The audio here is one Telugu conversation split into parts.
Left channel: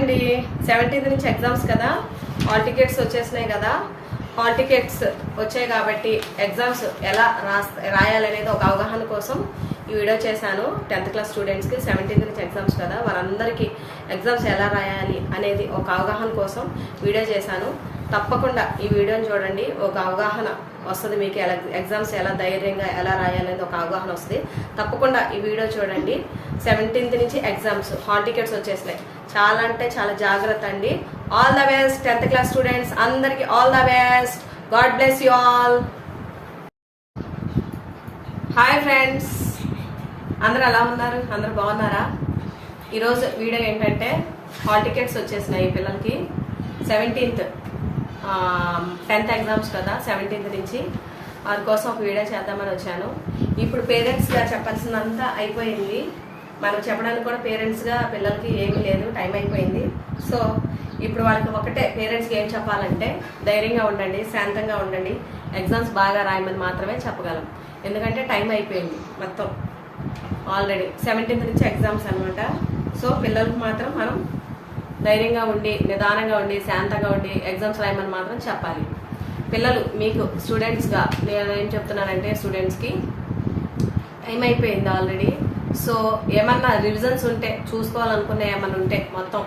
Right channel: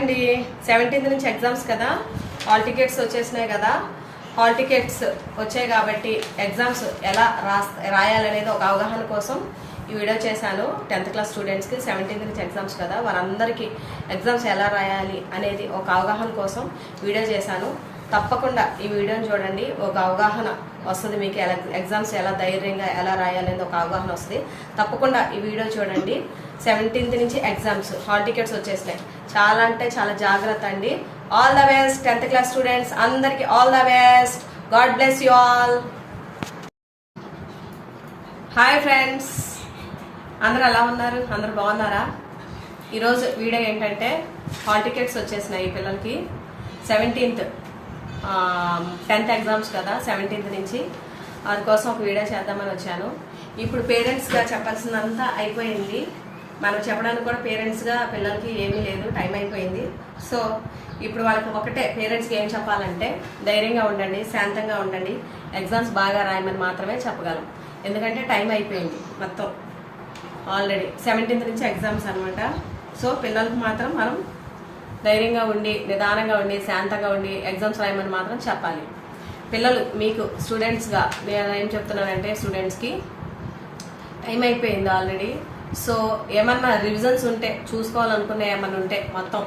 అండి సెవెంటీన్త్ నుంచి ఎగ్జామ్స్ కదా. హాల్ టికెట్స్ వచ్చేసినాయి కదా. హాల్ టికెట్స్ వచ్చాయి కాబట్టి ఎగ్జామ్స్ ఎలా రాయాలనేది ఒక అవగాహన కోసం ఈ వీడియో చేశాను. టెన్త్ క్లాస్ స్టూడెంట్స్కి సెవెంటీన్త్ నుంచి ఎగ్జామ్స్ కదా. వారందరికీ ఎగ్జామ్స్ ఎలా రాయాలి అనేది ఒక అవగాహన కోసం వీడియో చేశాను. తప్పకుండా ఈ వీడియోని చూడండి. ఒక అవగాహన వస్తుంది మీకు. ఎలా ఎగ్జామ్స్ ఎలా ధైర్యంగా ఎలా రాయాలనేది ఒక అవగాహన వస్తుంది. తప్పకుండా ఈ వీడియో చూడండి. సెవెంటీన్త్ నుంచి ఎగ్జామ్స్ హాల్ టికెట్స్ వచ్చేసినాయి. చాలా అంటే చాలా జాగ్రత్త అండి. All the best tenth class students అందరికి all the best God bless you all hi friends అందరు ఎలా ఉన్నారు? అందరు బాగున్నారా? ఈరోజు వీడియో ఏంటంటే హాల్ టికెట్స్ వచ్చేసినాయి ఈ పిల్లలకి. సెవెంటీన్త్ టెన్త్ ఎగ్జామ్స్ కదా సెవెంటీన్త్ నుంచి. వారి కోసం ఒక వీడియో చేద్దామని వచ్చాను. ఇప్పుడు పేరెంట్స్గా చెప్పాల్సిందంతా అయిపోయింది. మనం చెప్పడానికి కూడా పేరెంట్స్గా పిల్లలకి ఏమీ లేదు టైం అయిపోయింది. సో ఇప్పుడు వాళ్ళకి ఒకటే పేరెంట్స్కి ఏం చెప్పాలంటే ధైర్యంగా ఉండండి శాంతంగా ఉండండి. ఎగ్జామ్స్ బాగా రాయమని మాత్రమే చెప్పగలం. ఎందుకంటే టైం అయిపోయింది మొత్తం. ఆల్రెడీ సెవెంటీన్త్ నుంచి ఎగ్జామ్స్ అనమాట సో పిల్లలకు మాత్రం మనం ధైర్యంగా ఉండి నిదానంగా ఉండి శాంతంగా ఉండి ఎగ్జామ్స్ రాయమని మాత్రం చెప్పాలి. పిల్లలు మీకు స్టూడెంట్స్గా నేను ఏం చెప్తున్నానంటే స్టూడెంట్స్కి టైం అయిపోయింది ఆల్రెడీ సో ఏమన్నా రివిజన్స్ ఉంటే చూసుకోవాలనుకునే ఏమన్నా ఉంటే మొత్తం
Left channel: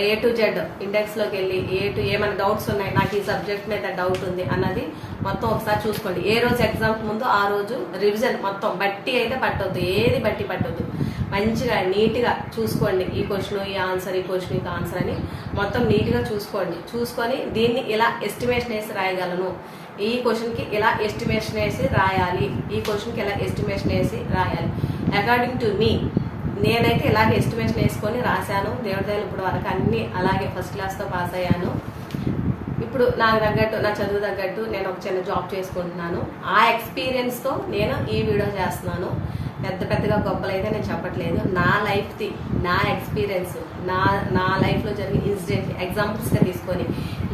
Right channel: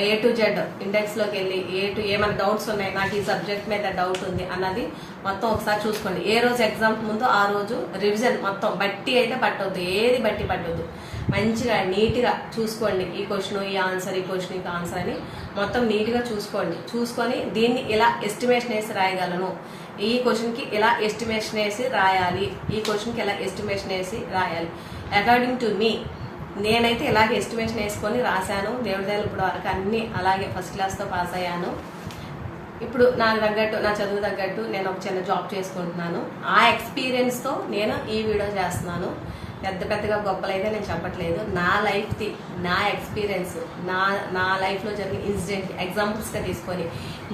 ఏ టు జెడ్ ఇండెక్స్లోకి వెళ్ళి ఏ టు ఏమైనా డౌట్స్ ఉన్నాయి నాకు ఈ సబ్జెక్ట్ మీద డౌట్ ఉంది అన్నది మొత్తం ఒకసారి చూసుకోండి. ఏ రోజు ఎగ్జామ్ ముందు ఆ రోజు రివిజన్ మొత్తం బట్టి అయితే పట్టొద్దు. ఏది బట్టి పట్టొద్దు. మంచిగా నీట్గా చూసుకోండి. ఈ క్వశ్చన్ ఈ ఆన్సర్ ఈ క్వశ్చన్ ఈ ఆన్సర్ అని మొత్తం నీట్గా చూసుకోండి. చూసుకొని దీన్ని ఇలా ఎస్టిమేషన్ వేసి రాయగలను. ఈ క్వశ్చన్కి ఇలా ఎస్టిమేషన్ వేసి రాయాలి? ఈ క్వశ్చన్కి ఇలా ఎస్టిమేషన్ వేసి రాయాలి? అకార్డింగ్ టు మీ నేనైతే ఇలాగే ఎస్టిమేషన్ వేసుకొని రాశాను. దేవుడిదాలు ఇప్పుడు వరకు అన్నీ అలాగే ఫస్ట్ క్లాస్తో పాస్ అయ్యాను. ఇప్పుడు నాకు తగ్గట్టు నా చదువు తగ్గట్టు నేను ఒక చిన్న జాబ్ చేసుకుంటున్నాను. ఆ ఎక్స్పీరియన్స్తో నేను ఈ వీడియో చేస్తున్నాను. పెద్ద పెద్దగా గొప్పలైతే నేను చెప్పట్లేదు. నా లైఫ్ది నా ఎక్స్పీరియన్స్ నా నా లైఫ్లో జరిగిన ఇన్సిడెంట్ ఎగ్జాంపుల్స్గా తీసుకొని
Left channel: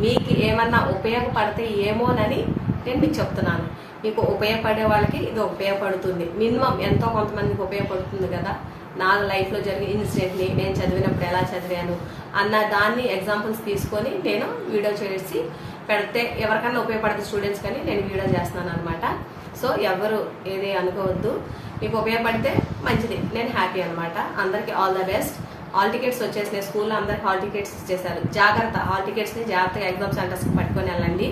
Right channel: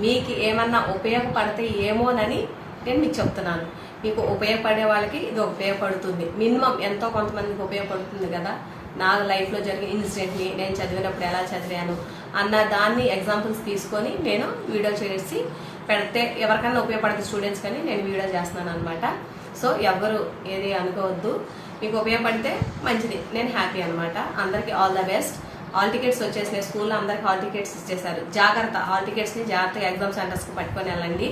మీకు ఏమన్నా ఉపయోగపడితే ఏమోనని నేను మీకు చెప్తున్నాను. మీకు ఉపయోగపడే వాళ్ళకి ఇది ఉపయోగపడుతుంది. మినిమం ఎంతో కొంతమందికి ఉపయోగపడుతుంది కదా? నా లైఫ్లో జరిగిన ఇన్సిడెంట్ని నేను చదివినప్పుడు ఎలా చదివాను అన్న దాన్ని ఎగ్జాంపుల్స్ తీసుకొని నేను వీడియో చేసి పెడితే ఎవరికన్నా ఉపయోగపడుతుంది స్టూడెంట్స్ కానీ నేను వీడియో చేస్తున్నాను అనమాట సో ఎవరు ఏది అనుకోవద్దు. మీకు ఉపయోగపడితే మంచిది. నేను హ్యాపీ అనమాట అందరికీ all the best. Hall tickets వచ్చేసినాయి. స్కూల్లో అందరికి హాల్ టికెట్స్ ఇచ్చేసారు జాగ్రత్త హాల్ టికెట్స్ని జాగ్రత్తగా ఎగ్జామ్ సెంటర్స్కి పట్టుకొని వెళ్ళండి.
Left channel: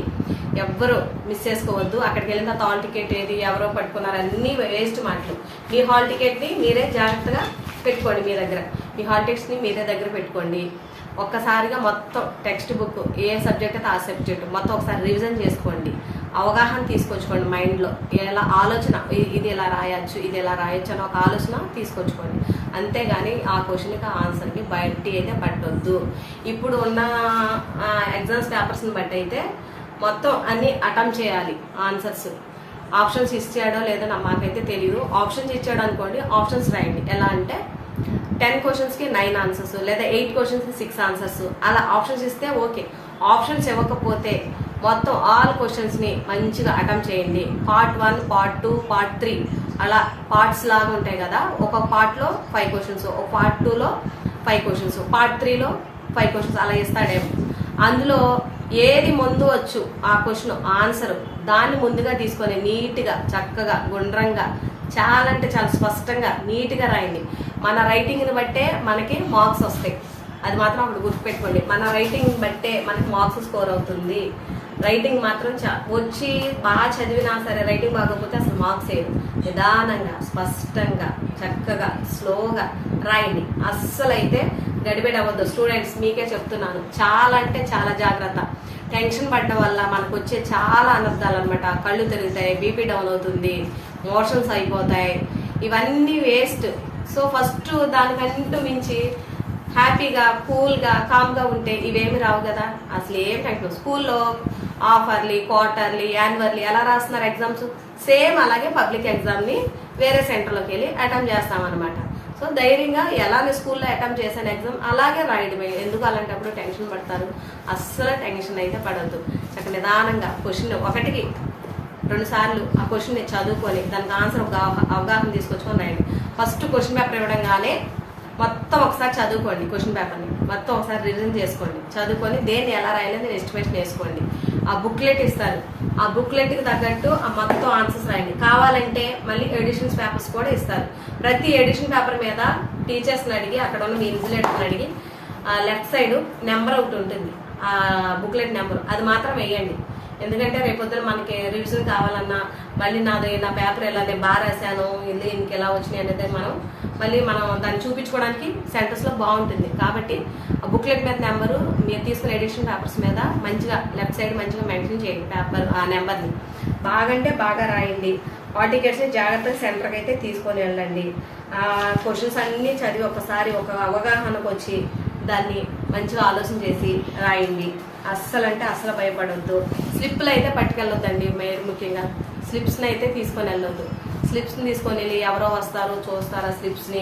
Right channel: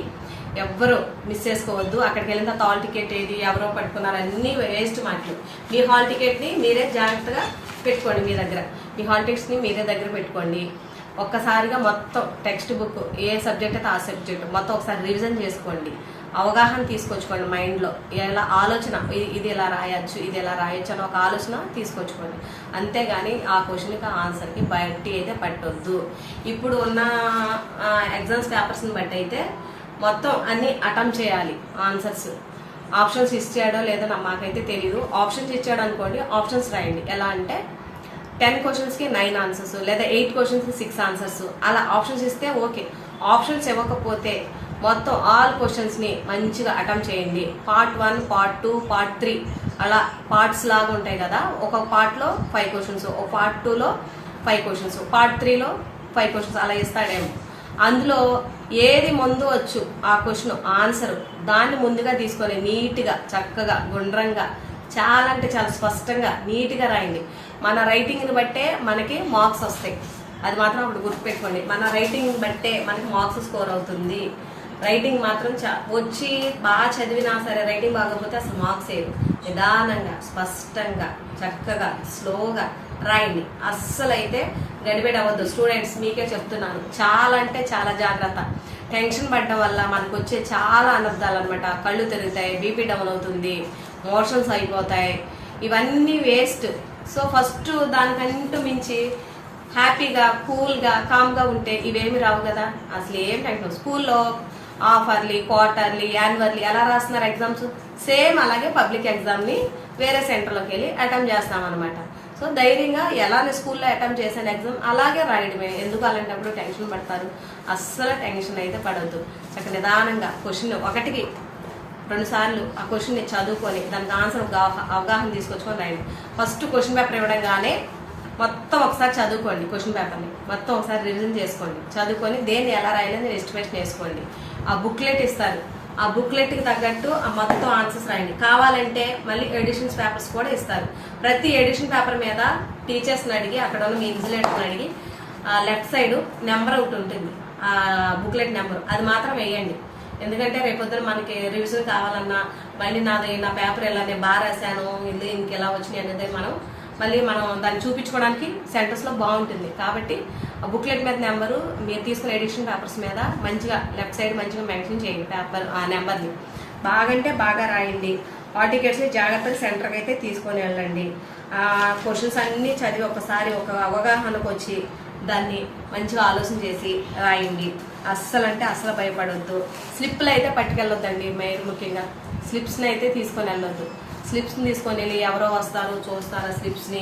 ఎవ్వరు మిస్ చేసుకోవద్దు. అక్కడికి వెళ్ళిన తర్వాత హాల్ టికెట్ ఏది ఎవరో పట్టుకున్నారు అన్ని వేస్ట్ మాటలు. మీ హాల్ టికెట్ని మీరే జాగ్రత్తగా పెట్టుకోండి మీ దగ్గర. మీ హాల్ టికెట్స్ని మీరే దగ్గర పెట్టుకోండి. ఒక్కసారిగా మొత్తం టెక్స్ట్ బుక్ ఏ సబ్జెక్ట్ అయితే ఆ సబ్జెక్ట్ మొత్తం ఒకసారి రివిజన్ చేసుకోండి. అవగాహన తీసుకొచ్చుకోండి మైండ్లో. ఎలా ఆలోచన ఇది ఎలా రాయొచ్చు ఇది ఎలా రాయొచ్చు అని ఒక ఆలోచన తీసుకొచ్చుకోండి. అంతేగాని ఆ క్వశ్చన్కి ఆ ఆన్సర్కి బయటి అయితే పట్టొద్దు. ఇప్పుడు ఉన్న ఎగ్జామ్స్ పేపర్స్ని బట్టి అయితే మొత్తం అన్ని అటెంప్ట్ చేయాలి ఆన్సర్స్. ఆప్షన్స్ ఇచ్చాడో లేదో నా- మాకైతే తెలియదు ఆప్షన్స్ ఇచ్చాడు అనుకోండి ఆప్షన్స్ రాయండి. ఎలా అంటే టెన్ క్వశ్చన్స్కి నైన్ ఆన్సర్స్ లేదా ఎయిట్ క్వశ్చన్స్కి సిక్స్ ఆన్సర్స్. అలా ఆప్షన్స్ ఇస్తే ఓకే. ఆప్షన్స్ ఇవ్వకపోతే మొత్తం ఆల్ క్వశ్చన్స్ని మంచిగా అటెంప్ట్ చేయండి. Part one part two part three. అలా పార్ట్స్ లాగా ఉంటాయి కదా ఒక పార్ట్లో ఫైవ్ క్వశ్చన్స్ ఒక పార్ట్ టూలో ఫైవ్ క్వశ్చన్స్ పార్ట్ త్రీలో ఫైవ్ క్వశ్చన్స్ అలా ఇస్తాడేమో. అందులో ఏది ముందు వచ్చు ఆ క్వశ్చన్ ఆన్సర్ దాన్ని ముందుగా తీసుకొని నీట్గా చక్కగా గుండ్రంగా చాలా అంటే చాలా స్పష్టంగా నీట్గా రాయండి. మన రైటింగ్ని బట్టే మనకి మార్క్స్ వస్తాయి. అది మాత్రం అప్పుడు గుర్తుపెట్టుకోండి. మన రైటింగ్ బట్టే మనకి మార్క్స్ స్కోర్ అవుతుంది. రైటింగ్ మాత్రం వచ్చి బాగా చదివినా సరే రైటింగ్ బాగోకపోతే అసలు మార్క్స్ వేయదు నిదానంగా స్పష్టంగా చక్కగా స్లోగా రాయండి. అస్సలైతే అయితే గడిబిడి అవ్వద్దు. స్టూడెంట్స్ మీకే చెప్తున్నాను. చాలా అంటే చాలా జాగ్రత్త. టెన్షన్ పడడం వల్ల మనకు వచ్చే చాలా అనర్థాలు అనమాట కళ్ళు తిరుగుతాయి బీపీ డౌన్ అవుతుంది. మోషన్స్ అయిపోతాయి ఇవన్నీ వేస్ట్. సో ఫస్ట్ దానికంటూ మించి హ్యాపీగా కూల్గా కామ్గా ఉంటే ఇవేమి రావు కదా? అసలు ఏం టెన్షన్ స్కూల్లో ఆఫర్లీ క్వార్టర్లీ యాన్యువల్లీ ఎలా రాస్తున్నారు ఎగ్జామ్స్. సేమ్ అలాగే పబ్లిక్ ఎగ్జామ్ని వేరే సెంటర్లోకి వెళ్ళి అటెంప్ట్ చేస్తామన్నమాట. సో ధైర్యంగా ఎలా నేను స్కూల్లో అటెంప్ట్ చేశాను ఎగ్జామ్ అలాగే రాయడమే. ఎందుకు అలాంటప్పుడు టెన్షన్ పడతారు? అస్సలు టెన్షన్ అయితే పడవద్దు అక్కడ నిదానంగా క్వశ్చన్ ఒకటికి రెండు సార్లు ఆ క్వశ్చన్ చదువుకొని దానికి ఆన్సర్ అవగాహన తీసుకొచ్చుకొని రాయండి. ఫస్ట్ క్వశ్చన్ పేపర్ ఇవ్వడంగానే మొత్తం ఒకసారి చదువుకోండి క్వశ్చన్ పేపర్ని మొత్తం ఒకసారి రివిజన్ చేసుకోండి. చదువుకొని దేన్ని ఎలా రాయాలని ఎస్టిమేషన్ వేసుకోండి. ఆ బుక్లెట్ ఇస్తారు. ఆ బుక్లెట్కి తగ్గట్టు ఆ మొత్తం ఆన్సర్స్ రాయండి. కావాలంటే మళ్ళీ ఎడిషన్స్ పేపర్స్ కూడా ఇస్తారు. ప్రతి ఎడిషన్ పేపర్ మీద టీచర్స్ని అడిగి అక్కడ ఉన్న మీ ఇన్సులేటర్ని అడిగి లెఫ్ట్ సైడ్ నెంబర్ ఒకటి ఉంటుంది. ఆ బుక్లెట్ నెంబర్ అది మాత్రం వేయండి. ఎందుకంటే రేపొద్దున మనకి రివ్యూస్ కావాలన్నా మళ్ళీ నాది నా పేపర్ ఎలా నేను బాగా రాశాను ఇది ఇంకెలా వచ్చినాయి అనేది మనం మళ్ళీ మనం దాన్ని చూపించుకోవడానికి సెంటర్స్లో బాగుంటుంది. కాబట్టి ఆ బుక్లెట్ మీద నెంబరు మీరు తీసుకున్న ఎడిషన్ పేపర్స్ మీద మంచిగా లెఫ్ట్ సైడ్ మంచిగా మెన్షన్ చేయండి పేపర్ ఆ నెంబర్ని బాగంటే బాగా రాయండి. హాల్ టికెట్స్ జాగ్రత్తగా సెంటర్కి అయితే తీసుకొని వెళ్ళండి. ఆ క్వశ్చన్స్ అన్నీ చదివి ఒకసారి ఒక అవగాహనకు వచ్చి దాన్ని మంచిగా ఆలోచన చేసి రాయండి. అస్సలు అంటే అస్సలు భయపడొద్దు. స్లిప్లు అయితే పట్టుకెళ్ళొద్దండి మీరు ముఖ్యంగా. స్లిప్స్ని అయితే తీసుకొని వెళ్ళొద్దు. స్లిప్స్ని తీసుకొని వెళ్ళి ఎవరో వస్తారు చూస్తారు ఆ స్లిప్స్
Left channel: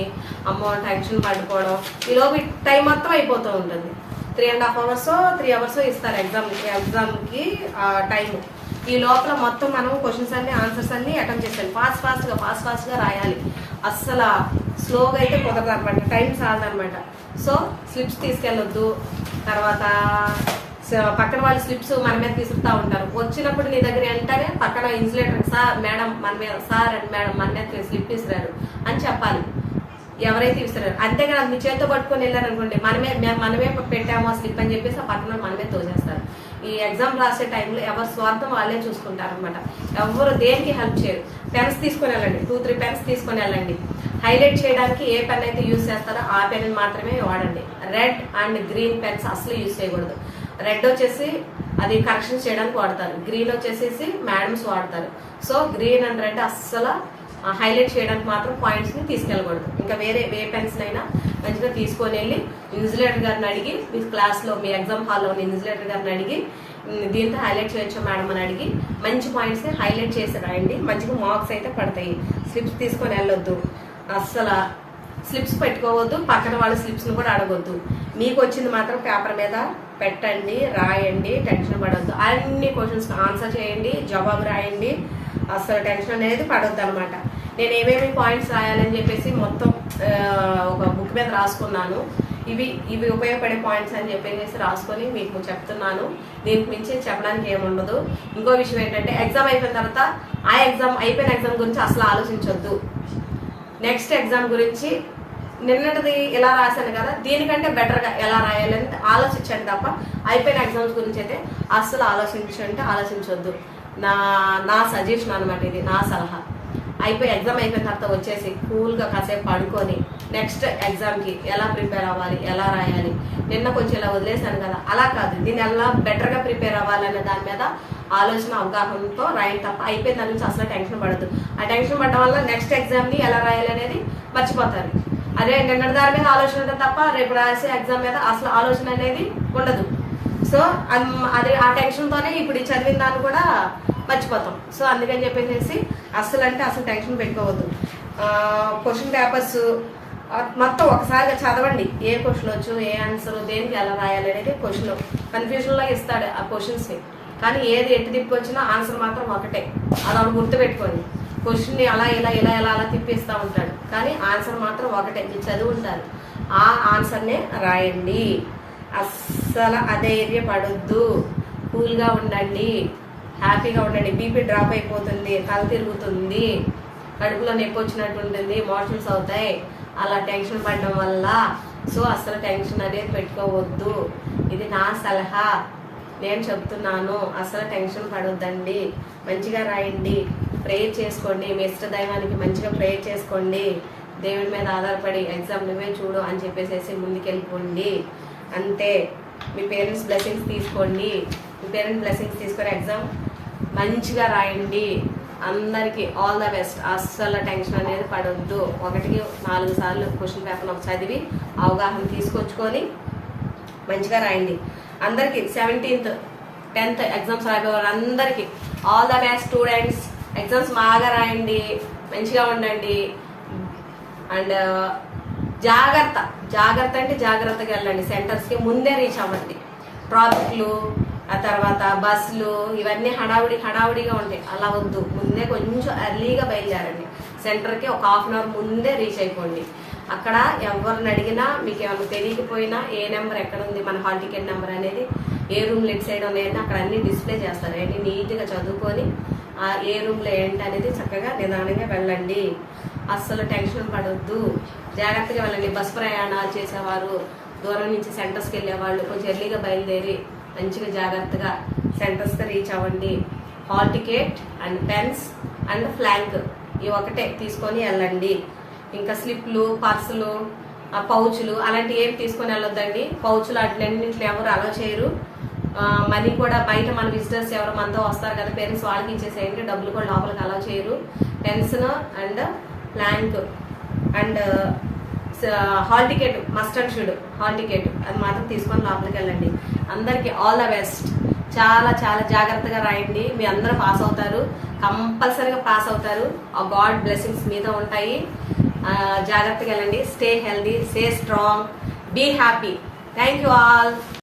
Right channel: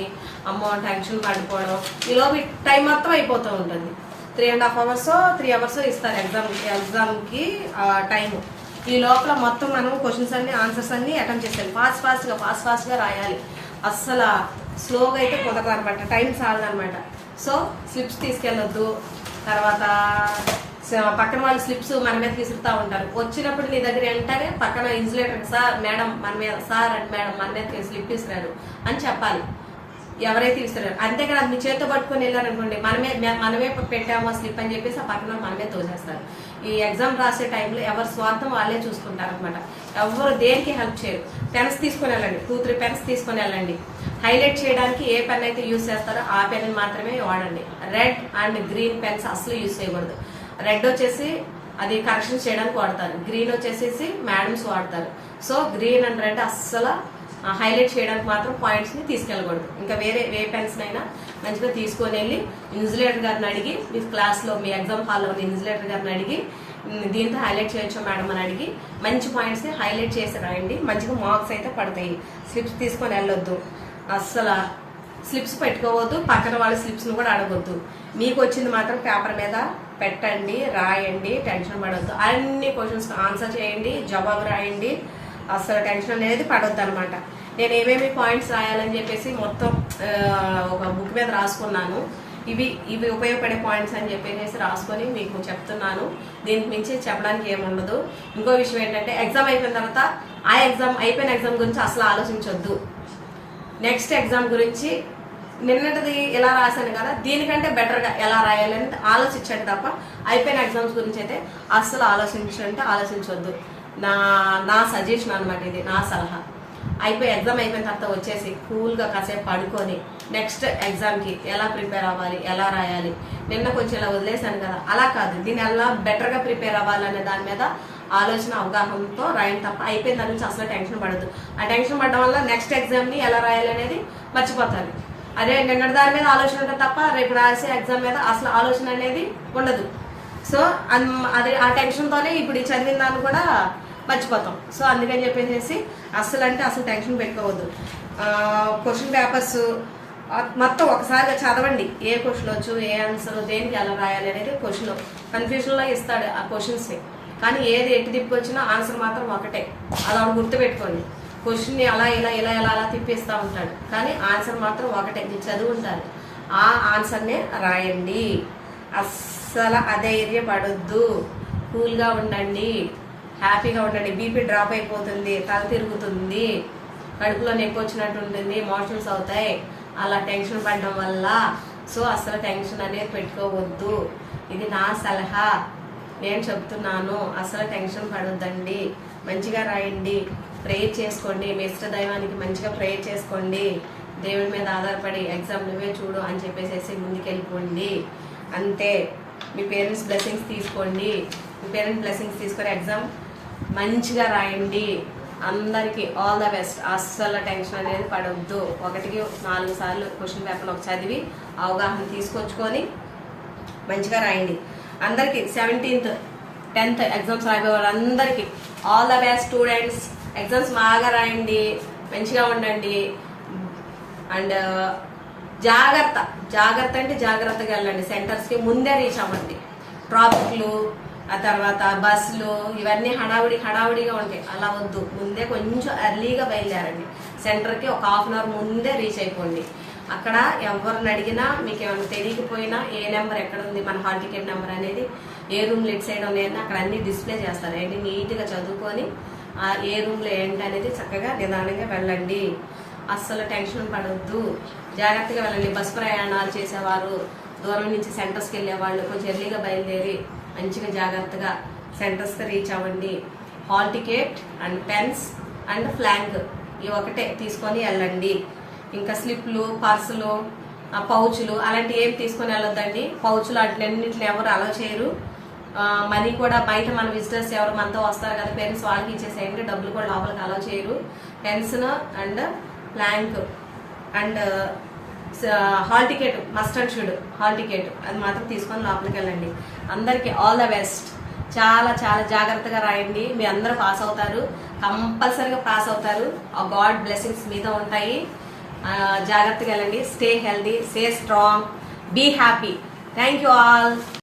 అమ్మో టెన్షన్ పడిపోవడం. ఈలోపు టైం మొత్తం అయిపోతూ ఉంటుంది. Three and half hours three hours ఇస్తారు ఎగ్జామ్ ఎగ్జామ్కి టైం ఈ లోపల మొత్తం మనం క్వశ్చన్స్ అన్ని ఆన్సర్స్ అన్ని అటెంప్ట్ చేయాలి ఫాస్ట్ ఫాస్ట్గా ఫాస్ట్ ఫాస్ట్గా రాయాలి. అస్సలు స్లోగా అయితే కుదరదు అనమాట టైం చాలదు అనమాట సో స్లిప్స్ తీసుకెళ్ళొద్దు. తర్వాత పక్కన వాళ్ళు స్లిప్స్ మన మీద తీసుకుతా ఉంటారు. వచ్చినప్పుడు నీ దగ్గర వెంటనే పక్కన ఇన్సులేటర్ సార్ మేడం మన మీద సార్ అండ్ మేడం మన మీద స్లిప్ తీసుకురారు అని చెప్పాలి. ఎవరైతే ఇస్తున్నారు అంతేకాదు మీ చేతితో పట్టుకొని వెళ్ళారనుకోండి మనమే మనమే పెట్టాము ఆ స్లిప్ అని చెప్పేసి ఆ పక్కన మనమే తోసేస్తారు. ఈ ఎగ్జామ్ రాసే టైంలో ఎవరి స్వార్థం వాళ్ళే చూసుకుంటారు అనమాట ఎవరు దేనికి హెల్ప్ చేయరు. పెన్స్ తీసుకొని వెళ్ళండి. టూ త్రీ పెన్స్ తీసుకొని వెళ్ళండి. హైలైట్ చేయడానికి ఏ పెన్ అయితే యూజ్ చేస్తారో ఆ పెన్ మాత్రమే వాడండి. రెడ్ అండ్ గ్రీన్ పెన్స్ అసలు యూజ్ చేయకూడదు. రెడ్ వచ్చేసి అది కరెక్షన్ చేయడానికి వాడతారు. గ్రీన్ వచ్చేసేసి మేడమ్స్ వాడతారు. సో గ్రీన్ అండ్ రెడ్ అస్సలు హైలైట్ చేయడానికి మాత్రం పాయింట్స్ని తీసుకెళ్ళకూడదు. ఇంకా వేరే ఏ పెన్స్ అయినా మంచిగా తీసుకొని వెళ్ళి ఇన్సులేటర్ గారిని అడిగి మీ క్లాస్లో మీ ఎగ్జామ్ హాల్లో ఉన్న ఇన్సులేటర్ గారిని అడిగి దీంతో హైలైట్ చేయొచ్చు మేడం అని అడిగి మంచి పాయింట్స్ని హైలైట్ చేసి రాయండి. మంచిగా మార్క్స్ అయితే పడతాయి. స్లిప్స్ తీసుకొని వెళ్ళొద్దు. అస్సలు స్లిప్స్ పెట్టుకోవద్దు పక్కన వాళ్ళ స్లిప్స్ను కూడా అడగొద్దు. మీకు వచ్చింది మాత్రం పేపర్ మీద పెట్టండి రాయండి టెన్షన్ పడవద్దు అన్ని క్వశ్చన్స్ ఆన్సర్ చేయండి జవాబు రాయండి. అస్సలు టెన్షన్ అనేది పడొద్దు అనమాట నేను ఏమేమి పాయింట్స్ రాయాలని చెప్పేసి మొత్తం ఒక బుక్ మీద రాసుకున్నాను. ఇవి ఇవి ఉపయోగపడే పాయింట్స్ అని చెప్పేసి రాసుకొని మీకు చెప్తున్నాను. దీనికి మించి చెప్పడానికి ఏముండదు. ఇంకో విషయం ఏంటంటే ఎగ్జామ్ అయిపోయిన తర్వాత ఆ ఎగ్జామ్ అయిపోయిన ఎగ్జామ్ గురించి అసలు ఆలోచించొద్దు. నెక్స్ట్ ఎగ్జామ్ గురించి నిన్నటిది ఎలా రాశాను కదా దీనికంటే బెటర్గా ఎలా రాయాలని ఆలోచించండి తప్ప అయిపోయిన ఎగ్జామ్స్ గురించి అయితే అస్సలు ఆలోచించంటే ఆలోచించొద్దు. నా నా సజెషన్ అనమాట ఇది నా సలహా. అయిపోయి ఎగ్జామ్ అయిపోయిన తర్వాత వచ్చేసి కూల్గా కాసేపు పడుకొని నెక్స్ట్ ఎగ్జామ్కి ఎలా ప్రిపేర్ అవ్వాలి ఎలా రాయాలి. నిన్న కొంచెం ఇలా వదిలేశాను కదా అలా కాదు. దీన్ని ఎలా బెటర్గా ప్రిపేర్ అవ్వాలనే దాని మీద ఆలోచన అవగాహనతో రాయండి తప్ప అయిపోయిన దాని నుంచి అసలు టెన్షన్ పడదు ఆ టెన్షన్ పడడం వల్ల నెక్స్ట్ ఎగ్జామ్ని ఎలా రాయాలి అనేది మర్చిపోతారు. అదే నిన్న దాని మీద ఆలోచన ఉంటుంది తప్ప రేపు రాసే ఎగ్జామ్ మీద అసలు ఆలోచన అనేది ఉండదు. సో అన్- అదే ఆ టెన్షన్ తోనే ఇప్పుడు ఈ చదివిన దాన్ని కూడా మర్చిపోతాం. సో అందుకని చెప్పేసి అసలు అంటే అసలు టెన్షన్ పెట్టుకోవద్దు క్వశ్చన్ పేపర్స్ మొత్తం ఒకసారిగా చదవండి. ఏ క్వశ్చన్ వచ్చు ఏ ఆన్సర్ దేనికి ఎలా రాయాలి అనేది క్వశ్చన్ కన్ఫ్యూజన్లో ఇస్తాడు ఆ క్వశ్చన్స్ కానీ ఏది ఎట్టి తిప్పి వచ్చినా ఆన్సర్ మాత్రం ఒకటే. అది ఆవిడ గుర్తుపెట్టుకోండి. క్వశ్చన్ని అలా ఇలా ఇలా ఇలా అలా తిప్పిస్తూ ఉంటాడు. కానీ ఆన్సర్ మాత్రం ఒకటే మీరు చదువుంటారు. ఆ ఆన్సర్నే రాయండి. అస్సలు అధైర్యపడొద్దు. కూల్గా ఉండండి. హ్యాపీగా ఉండండి. బీపీ డ్రాప్ అయిపోతుంది తల తిరుగుతుంది కడుపులో నొప్పి వచ్చినట్టు ఉంటుంది మోషన్స్ అవుతాయి. అలా టెన్షన్ పడడం వల్ల సో అస్సలు టెన్షన్ అనేది పెట్టుకోవద్దు. ఇది నా సలహా. నేను చెప్తున్నాను అసలు టెన్షన్ పడొద్దండి. మంచిగా రాయండి ప్రేయర్ చేసుకోండి మీ ఇష్ట దైవానికి మంచిగా ప్రేయర్ చేసుకోండి. దేవుని మీద ఆధారపడి ఎగ్జామ్ నువ్వే చూడు అని చెప్పేసి ముందుకెళ్ళిపోండి. అంతే. మీ పేరెంట్స్ బ్లెస్సింగ్స్ తీసుకోండి. మీ పేరెంట్స్ బ్లెస్సింగ్స్ తీసుకొని ఎగ్జామ్ మంచిగా రాయండి. అందరికి ఆల్ ద బెస్ట్. అస్సలు టెన్షన్ అనేది పడవద్దు ఒకటికి నాలుగు సార్లు క్వశ్చన్ పేపర్లు ఒక చదివి అవగాహన తీసుకొచ్చుకొని మంచిగా రాయండి. అందరికి సెవెంటీన్త్ టెన్త్ ఎగ్జామ్స్ రాయబోయే వాళ్ళందరికీ all the best students exams బాగా రాయండి మంచిగా ఉండండి. అండ్ uh, జాగ్రత్త జాగ్రత్త అంటే జాగ్రత్తగా వెళ్ళండి. సెంటర్స్కి ముందే రీచ్ అవ్వండి. ట్రాఫిక్లు ఆ తర్వాత బస్సులు ఇవన్నీ హడావుడి హడావుడిగా ఉంటాయి. అలా వద్దు. ముందే కొంచెం ఎర్లీగా బయలుదేరండి. సెంటర్కి ఒక హాఫ్ అన్ అవర్ ముందే రీచ్ అయిపోండి. అక్కడ ఎవరిని అడిగినా మీకు ఏమైనా తెలియకపోయినా ఏ నెంబర్ ఎక్కడ ఉంది మన హాల్ టికెట్ నెంబర్ అనేది ఏ రూమ్ లెట్ సైడ్ ఉన్నాయని అక్కడ అన్ని డిస్ప్లే చేస్తారు. అన్ని నీట్గా చదువుకొని ఆ ఏ రూమ్లో ఏంటి అనేది చక్కగా నిదానంగా వెళ్ళండి. అస్సలు టెన్షన్ పడవద్దు జాగ్రత్తగా వెళ్ళండి. బస్ ప్రయాణాలు చేసేవారు దూరం నుంచి సెంటర్స్కి వెళ్ళే వాళ్ళు కొంచెం ఎర్లీగా బయలుదేరి మంచిగా జాగ్రత్తగా సెంటర్స్కి రీచ్ అవ్వండి. Hall ticket and pens and plank ఇవి ఒకటే తీసుకొని వెళ్ళండి. ఇంకా స్లిప్లు పర్సులు ఆ పౌచులు అలాంటి ఏమి తీసుకొని వెళ్ళొద్దండి. పౌచులు అట్లన్నింటిని ఎవరు అలో చేయరు. మనీ కూడా బయట మన విజిటర్స్ ఎవరు మనతో వస్తారు కదా పేరెంట్స్ వాళ్ళకి ఇచ్చేసేయండి. డబ్బులు కూడా లోపలికి అలో చేయరు. Pencil and plank and hall ticket must and should hall ticket అది మాత్రం తీసుకొని లోపలికి వెళ్ళండి. అందరికి ఆల్ ద బెస్ట్. చాలా చాలా జాగ్రత్తగా రాయండి. మీ అందరూ పాస్ అవుతారు. కంపల్సరీగా పాస్ అవుతారు. ఆ గాడ్ బ్లెస్సింగ్స్ మీద ఉంటాయి. జాగ్రత్తగా వెళ్ళండి. Stay healthy stay strong be happy thank you all